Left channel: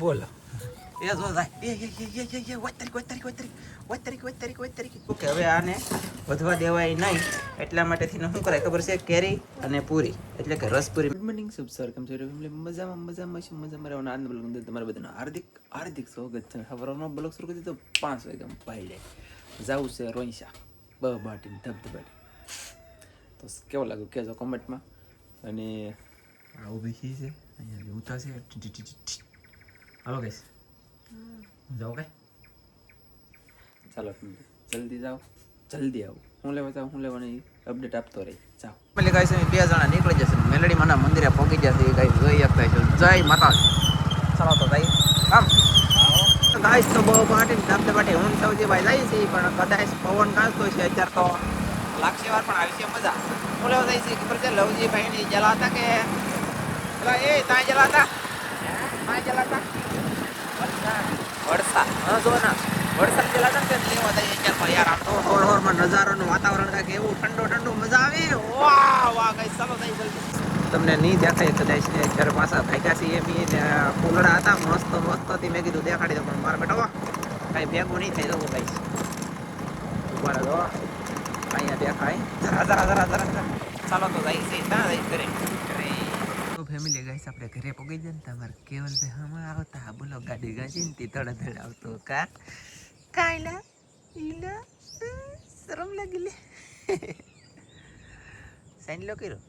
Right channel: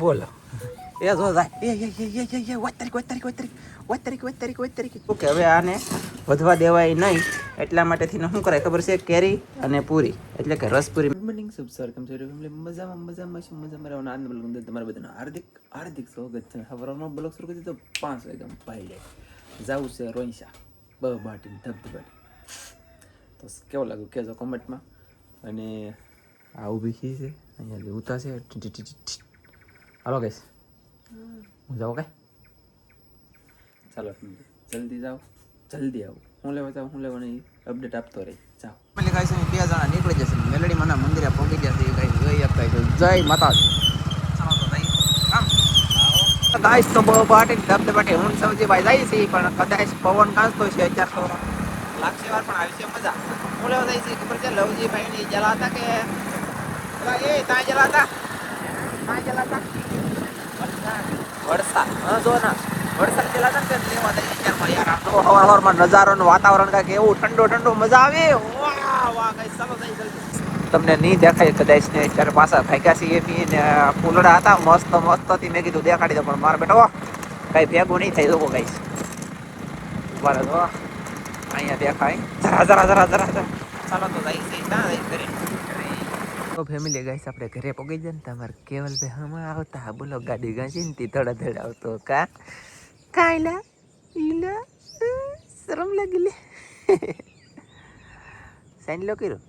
બોલો એ જો જાય ઓકે હવે આને વધવા દેવાય નહીં એટલા માટેથી શું કરાય ખબર છે કેરી અને પૂરી એટલે કે રસપુરી. ગુડ મોર્નિંગ સબ સર કેમ છો મજામાં રહેવાનો આનંદ બ્લોગ તમારા બધાનું હાર્દિક સ્વાગત છે. સવારનો બ્લોગ શરૂ કરી દીધો 5 વાગ્યા ભાઈ લે જવું છે રોઈશા બાટી ધબધબાટી. તો કેવો લાગ્યું કહેજો કોમેન્ટમાં. અને આ ઊભી છે અહીંયા ઉતારશે હાલો ગઈશ જાઓ કઈ ચાલો જલ્દી જાઓ જલ્દી આવો હું લેવા જાઉં હું લેવા નહીં અપડેટ આપતો રહી જાઓ. એટલે ગાઈસ અહીં 2 જણા નીકળી જશે મેલડી માના મંદિરે પહોંચી ગયા છે ગાઈસ જોઈ આપતા છે જય માતાજી. ચાલો તો ગાઈસ કામ ગાઈસ તો બહુ પાટી ધબધબાટી હું સૌજી ભાઈ જાય છે પણ કદાચ પવન કાઢતો છે અત્યારે તો લાગશે વાર પણ આવી છે મજા. હું લેવા જાય છે ખબર છે લવજી ભાઈ ની જલા હતા કે એ ત્યાં જલા હતા વરસાદ હા જો ના વરસાદ પેલા હતા ને લેવા દઈએ અત્યારમાં યાર આમ તો હવારમાં નજારોનું વાતાવરણ કાંઈક એવું ઠંડો મજા આવે વાહ વાહ કઈ ચાલો જઈ જલ્દી. તમને નહીં દેખાય કદાચ ને અત્યારે પાછા ભાગ્યા છીએ ને ફૂલડા હતા મસ્ત હતી મેં કીધું દેખાડી દો પણ મારા બેટો કઈ ભેગું નહીં થઈ જવું કઈ ઉભા જો અહીંયા દેખાય જરા ચાલો તો જઈ ત્યાં જઈ કરી તો ફેમિલી ગાઈસ આપણે ઘરે પગી જાય ને તમારે કેવલ ભાઈ હમણાં આવતા બોલો ગાડી ગાંચી ને તી ધડ આવતો કાયલા ઈલા શરમ લાગી લે સાઈન લો કર્યું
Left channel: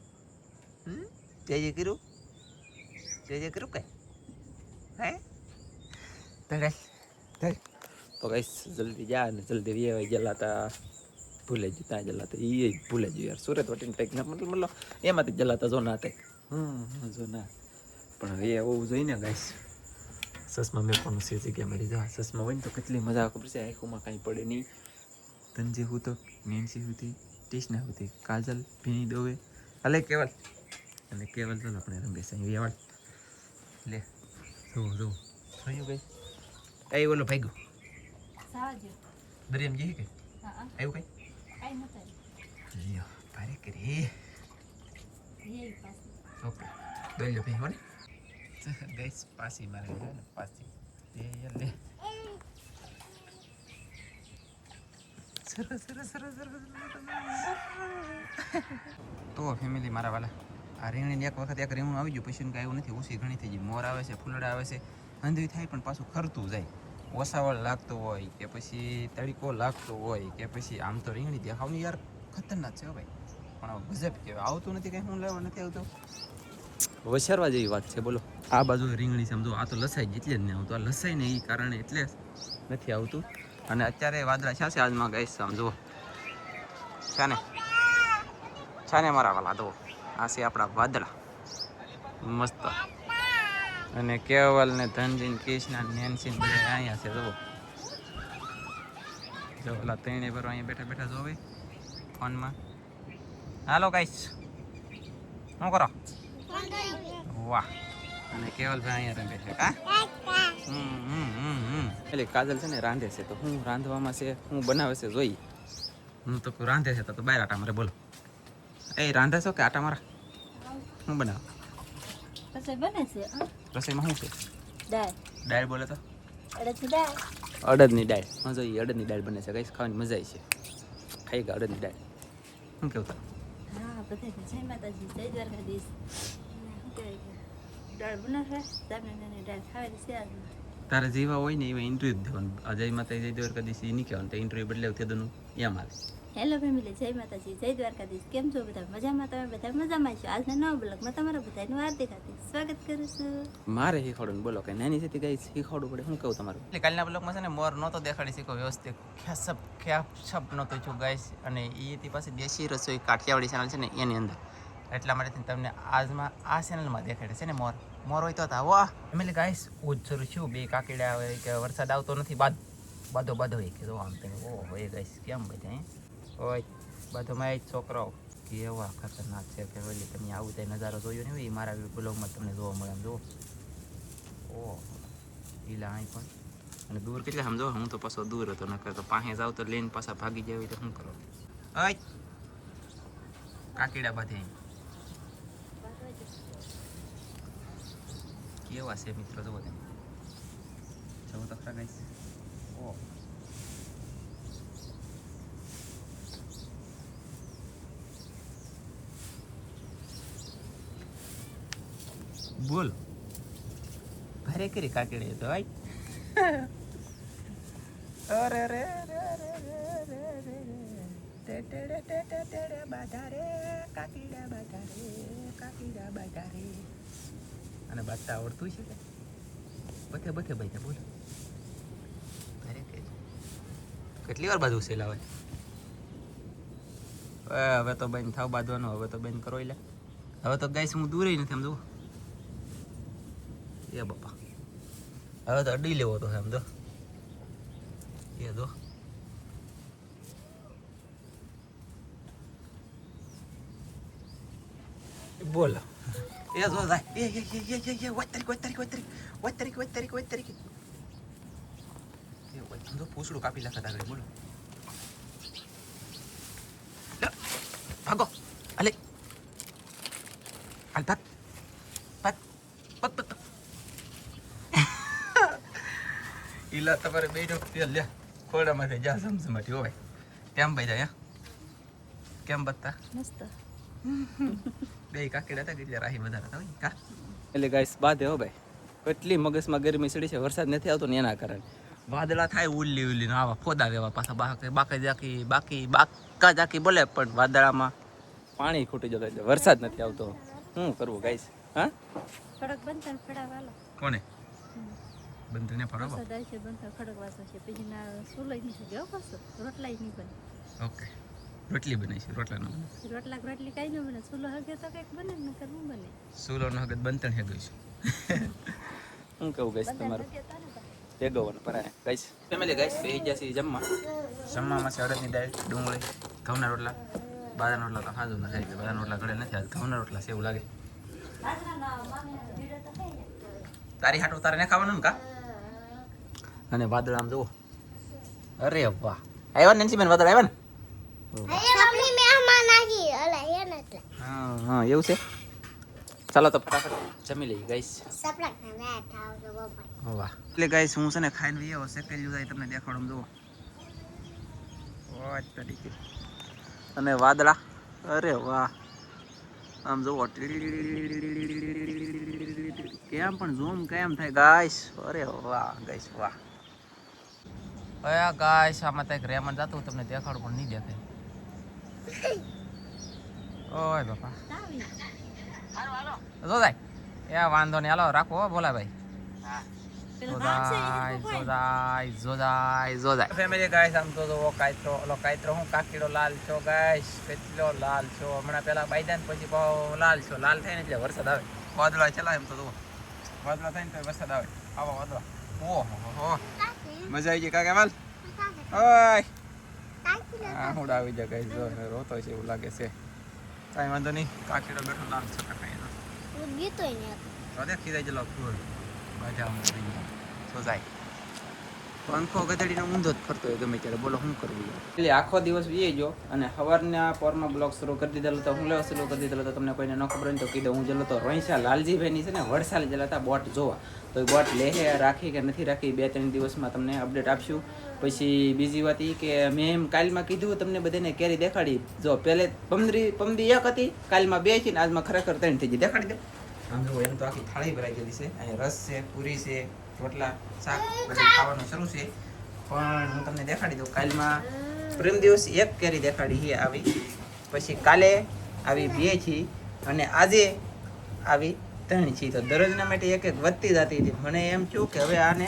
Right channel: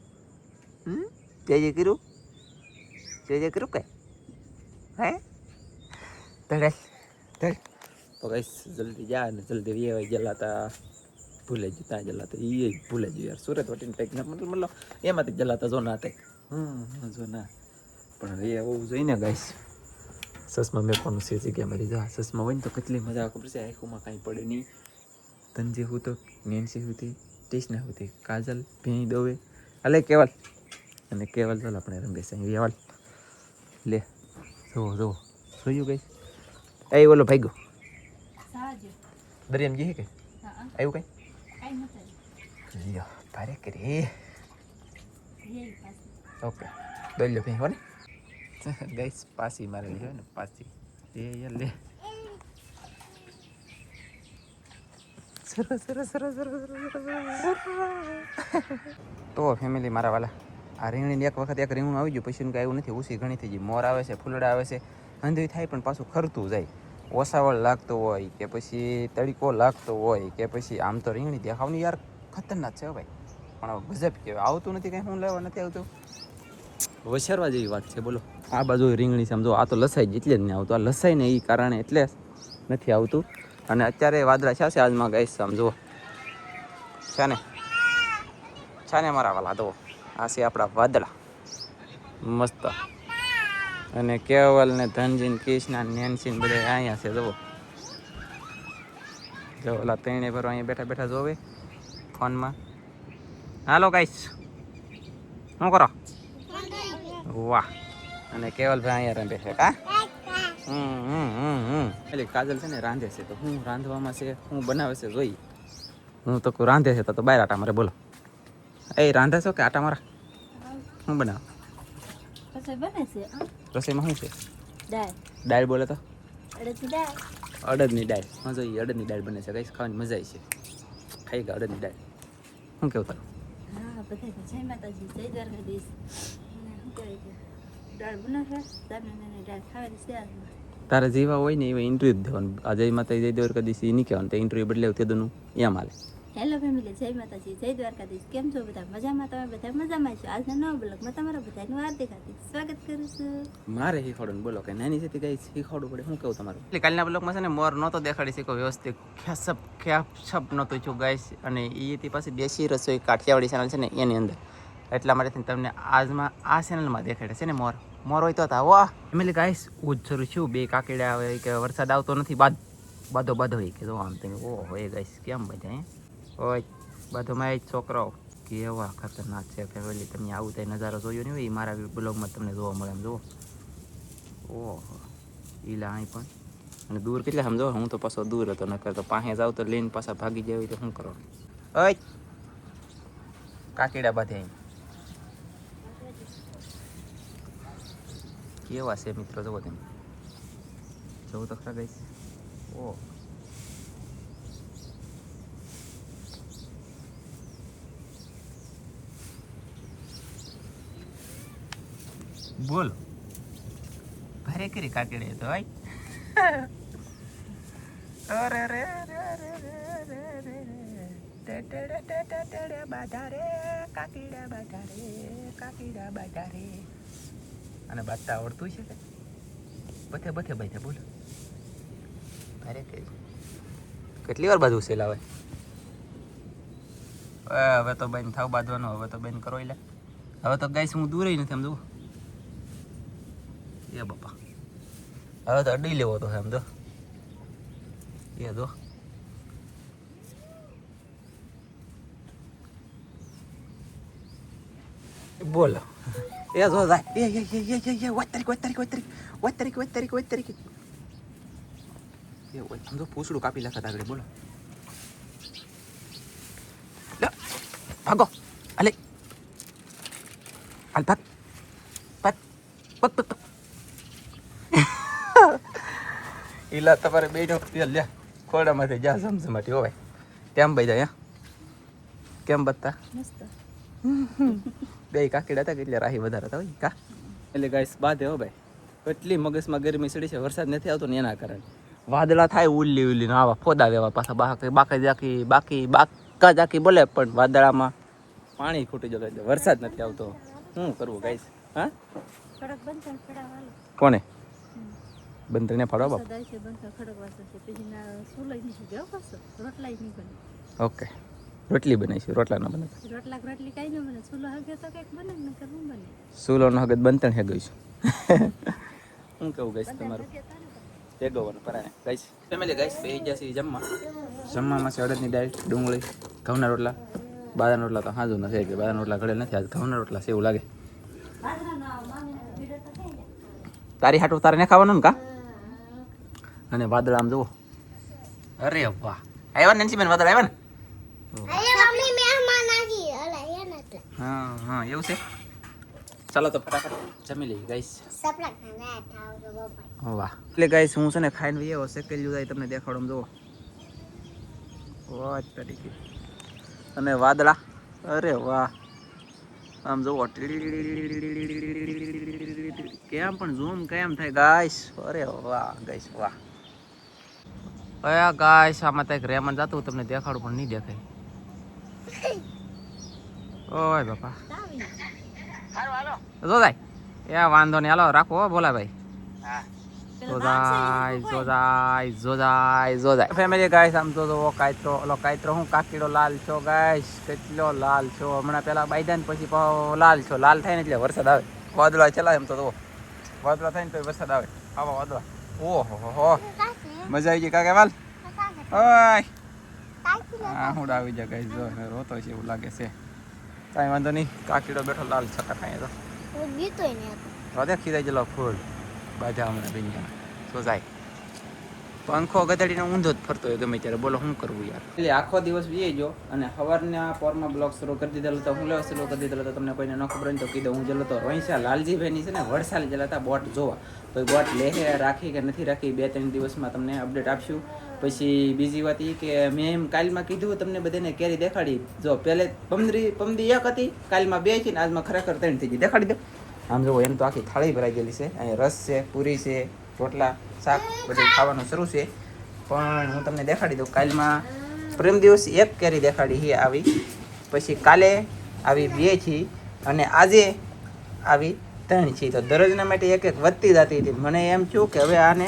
જય કર્યું કઈ હે ધડ તો ગાઈસ જલ્દી જા ને જલ્દી વેવાઈ જલાતા ભૂલે જ ત્યાં જલાતા એ ભૂલે જ યાર સુરત વટીને કંઈક મતલબ એમાંથી જલાતા જો ના થાય જો ના પણ હવે આવું જોઈને ગાઈસ સસમાં મેં પણ છે જગ્યા મળી જા સસમાં હોય ને તો કેટલી મજા ખબર છે આંખોમાં કાંઈ પડે નહીં. તંજી હું તો નેન્સી હતી ટીસના હતી કાજલ ભીણી દોવે અલે કેવલ અને કેવલ ચાલ આપણે રમેશ અહીં વેવાલ લે જો જોયું ગઈ એ બોલો ભાઈ ગયો દરિયામ જી કે આવ્યું કઈ લ્યો ભારે કરી ઓકે દોલ્યો ભાઈ હો ને ગાઈસ પાસી મારે છે ને પાસી લે સરસ તો ફેમિલી મારા વાલા આ રીંગણીની એક વખત એક રીંગણું આવી ગયું પછી કાંઈ એવું નથી ઉસી ઘણી થઈ ગઈ મોર આવે છે ફૂલડા આવે છે અંધવી થાય પણ પાછું ખરતું જાય ઓસાવળ લાગતો હોય કે પછી તડીકો લાગતો હોય કે પછી આમ તો રીંગણી દેખાવની યાર ખતરનાક છે ભાઈ પણ ગજબ કહેવાય આવતું નથી કંઈ શું લેવા નથી આવતું વસારવા જેવી વાત છે બોલો. આ બાજુ રીંગણી સમજો આ તો લસાઈ એટલે જ નહીં આવતું આ લસાઈ ને એ કારણે એટલે નથી આવતું. અને અત્યારે વાદળા છે આજમાં ગાઈસ સમજો છે ને મારા વાલા તો આ છે આપણા વાદળા મસ્ત. અને કેવલ ને ધનજી ને કૃષ્ણા ને નેન્સી ને બધા અહીંયા છે જો ઓલા ત્રણે પર અહીંયા બેઠા જોવે ફોનમાં. હાલો ગાઈસ શું કરો વાહ અને કેવલભાઈ અહીંયા રમે છે કા એટલે કાજલ છે ને રાંધે છે તો હું રાંધવામાં છે હું બનાવે છે જોઈ હું તો રાંધે છે તો બહાર આટા મારે બોલો એ રાંધે છો કે આટા મારા શું બનાવ રસોઈમાં શું છે દાળ બોલે તો અડદની દાળ હા જોઈએ અડદની દાળ બને છે કઈ ખાવાની મજા આવી છે ખાઈ ગયા અડદની દાળ શું કેવું તારું જય માતાજી જય દ્વારકાધીશ દાળ બનાવે દાળ ખાવાની છે તારે જેવા હોય ને એવા ઇન્ટરવ્યુ દેવાનું આ જય માતાજી જય દ્વારકાધીશ એ નહીં કહેવાનું તો ઇન્ટરવ્યુ બદલે તેનું એમ હાલ. હેલો ફેમિલી જય માતાજી જય દ્વારકાધીશ કેમ છો બધા મજામાં તમે બધા મજામાં છો આજના નવા બ્લોગમાં તમારા બધાનું હાર્દિક સ્વાગત કરું છું. મારે શીખવાડું બોલો કે નાની છે ગઈ શીખવાડવું પડે શું કહું તમારું એટલે કાલના બ્લોગમાં છે ને મોર નહોતો દેખાડી શીખો વ્યવસ્થિત ખ્યાપ નહોતું છું ગાઈસ અને એથી પાછી દેશી રસોઈ કાઠિયાવાડી ચેનલ છે ને એની અંદર એટલા માટે તમને આજમાં આ ચેનલમાં દેખાડે છે ને મોર હોય તો હતા વાહ ફેમિલી ગાઈસ ઉજરું છું બે કાકીડા આવે કે વરસાદ આવતો નથી બાદો હોય કે જો આમ તમે ઓહો એ ગાઈસ કેમ બધા હોય બાધોમાં એ છોકરાઓ કેવા ખતરનાક છે કે ઓલી તમે આવું થાય નજારો જોયો નહીં હોય એ મારા બ્લોગમાં તમને જોવા મળે એમ જુઓ ઓહો ઈલા અહીં પણ અને દૂર કેટલા સમજો હું તો પાછો દૂર હતો નકર તો પાસે જાવ તો લઈને પાછા ભાગી જાય તો શું કરો ઓય કાકીડા બાંધે અહીં કેવા છે મિત્રો જુઓ તમે જો તો ખરા ગાઈસ. ઓ બોલ ભારે કરી કાકડી તો ભાઈ. અરે રે રે રે રે રે રે બાધારે કાકીડા બાધારે. અને બાદતા આવડતું છે કે બથે ભાઈ બોલો ભારે કરી. કેટલી વાર બાજુ સેલા હોય. હવે તો બેન થાવ બાંધવાનો. હવે તો બેન કરો. હવે તો ગાઈસ હું દૂર નથી આમ જુઓ. એ બાપા હવે તો અડી લેવો તો એમ જો. એ જો બોલો. એ જો જાય. એ વાત તારીખ. એ આમ તો પૂછડું કાપી નાખત આગળ. બોલો ભાગો. અલે હાલ ભાગ. ઈલા તમારે બે નો તેલ લ્યા ખોડામાંથી જા સમસમાટી હોય કેમ ભાઈ જાય. કેમ બતા મસ્ત બે કાકીડા હતા એટલે રાહી વધારે હતા હોય કા. એટલે ગાઈસ બાદ હો ભાઈ કેટલી મગજમાં ગરમી ચડી છે. વરસાદ નથી આવતો ને એના કારણે વાદળા થાય ઉલ્લી આવા ફોદા વેવા પાછા બાકા જાકી બોલે પણ વાદળામાં પાણી ખૂટી જતો એટલે વરસાદ નથી આવતો. શું કરવું ગાઈસ? હા ખડક બંધન ફડાવાલો કોને બંધને ફાડવા બાપ. સદાય છે બંધન ખડક વાસો છે પછી ના સોલાઈ નહીં ગયો પાછો રોટલાઈ નહીં બને. ઓકે રોટલી બને છે રોટલા ના બને. રોટલી કાંઈ ન બને. સુલો હગે તો કંઈક બને ને કરવું બને. સુલો નો હગત બનતા હે ગઈ હું કેવું ગાઈસ તમારું ભેગવવાનું પરાય ગાઈસ. ફેમિલી ગાઈસ બેહી ગયા છે જમવામાં છે અડદની દાળ ડુંગળી ઘઉંના રોટલા. બાદાના રોટલા તો હાજુ નથી કે બાદાના રોટલા ઘડે નથી. આજ ઘઉંના રોટલા છે એવું લાગે. તારી હાટું તારે ને ખાવાનું ને કા. અને વાદળ આમ જુઓ. અરે વાહ આવ્યા ને બેન વાદળ આવ્યા ને. હા એવું છે. ચાલો તો ફટાફટ જમી લઈએ ગાઈસ. વાહ એટલે ગાઈસ હું છે ને ખાઈને એવો શેકેલું જાય તમને દેખાડું જુઓ. વાહ તરીકે અને વાદળા. અરે વાહ આમ જુઓ કેમ પણ ઝૂમ કેમ થાય ગાઈસ. અરે વાહ ગાઈસ વાહ. ગાઈસ આમાં તો એક રેમન જાતું તમને દેખાડું પણ નહીં દેખાય. ઓય બાપા જો જાય. એ વાંધો નહીં હાલો રાખો બોલા ભાઈ. જોજાય ફેમિલી ગાઈસ આમ તો કાયત્રો હું કાકીડો લાલ છો ગાઈસ. કેટલો લાલ છો. હમણાં પેલા બાયદાન પછી લાલ છો. લાલ થાય ને એટલે વરસાદ આવે. વાદળા ચલાય એમ તો વાદળા થાય ને તો વરસાદ આવે. આવા વાદળા ઓહો મજા આવી ગઈ કાકા વાલ. ઓય હું આવી જાય ગાઈસ. જો રોતો છે એવું લાગે છે. કાંઈ વાંધો નહીં. કાકીડો બેઠો લાલ છકા ખાય તો દેખી જાય. ચલો ફૂલ બાજા હમણાં બની ગયા તો જાય. પંખો ગધડીનો ઊંધો જ ફરતો હોય ગમે ત્યારે. બોલો શું કરવું યાર. એટલે આખો દિવસ વીએ ગયો અને સવારના પોરમાં બ્લોગ શરૂ કરી દીધેલો તો હું લેવા શરૂ કરી દીધેલો તો તમને કોઈને ન ખબર હોય તો કીધું. હું જલો તો રોઈસા લાલજીભાઈની છે ને વડસાલી જલા હતા બોટ જોવા. તો એ બોટ લેહે રાખી કે નથી રાખી 2-3 દિવસમાં તમને અપડેટ આપશું. પછી બીજી વાત એ કે મેં એમ કાલમાં કીધું તમને બધાને કેરી દેખાડી. જો પહેલે પમદી એક હતી કાલમાં 2 છે ને આજમાં ખરેખર 3 થઈ ગઈ. દેખાડી દે આમ જુઓ. એમ તો આખી થાળી ભરાઈ ગયેલી છે. અહીંયા રસ છે, પૂરી છે, રોટલા, શાક બધું ખાવાનું શરૂ છે. પણ હું તમને દેખાડી દઉં. કાલમાં પ્રેમ દિવસ એક કેરી દેખાડી છે આવી. પછી કાલે આવી 2 છે અને આજે આવી 3 છે. તો દરરોજના માટે એક વધતી જતી હતી. મને એમ થયું કે હવે આને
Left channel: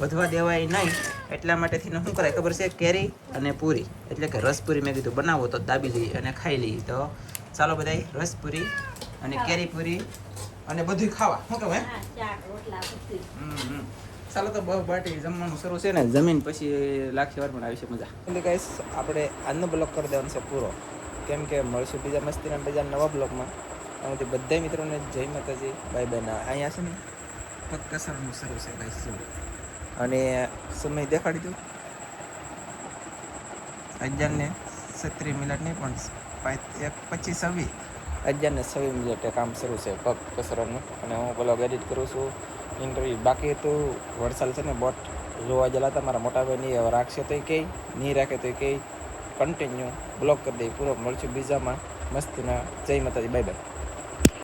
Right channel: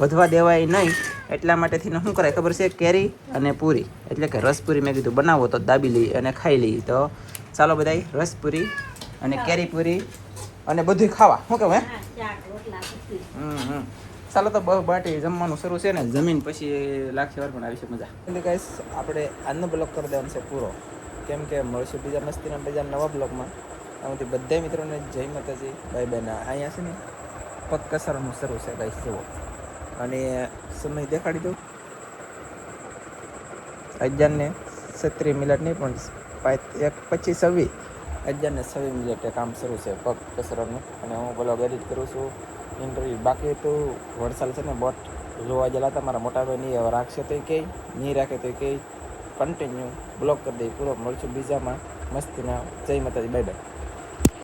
વધવા દેવાય નહીં. એટલા માટેથી શું કરાય ખબર છે? કેરી અને પૂરી એટલે કે રસપૂરી મેં કીધું બનાવો તો દાબી લઈએ અને ખાઈ લઈએ. તો ચાલો બધાય રસપૂરી અને કેરી પૂરી અને બધું ખાવા. શું કહું હે ચાલો તો બહુ બાટી જમવાનું શરૂ છે ને. જમીન પછી લાખી વાર પણ આવી છે મજા. એટલે ગાઈસ આપણે આજનો બ્લોગ કરી દેવાનો છે પૂરો. કેમ કે મળશું બીજા મસ્તીના બીજા નવા બ્લોગમાં. આમાંથી બધા મિત્રોને જય માતાજી બાય બાય. ના અહીંયા છે ને પગ કસરનું શરૂ છે ગાઈસ જુઓ. અને સમય દેખાડી દઉં 11:36 નહીં પણ 25:26 11:26 કામ શરૂ છે પગ કસરતનું. અને હું બ્લોગ એડિટ કરું છું. ઇન્ટરવ્યૂ બાકી હતું. વડસાલ છે ને બોટ જોવા ગયેલા હતા મારા મોટા ભાઈ નહીં હવે રાખશે તો કહે, નહીં રાખે તો કહે. કન્ટિન્યુ બ્લોક કરી દઈએ પૂરો. મળશું બીજામાં મસ્તીના. જય માતાજી, બાય બાય.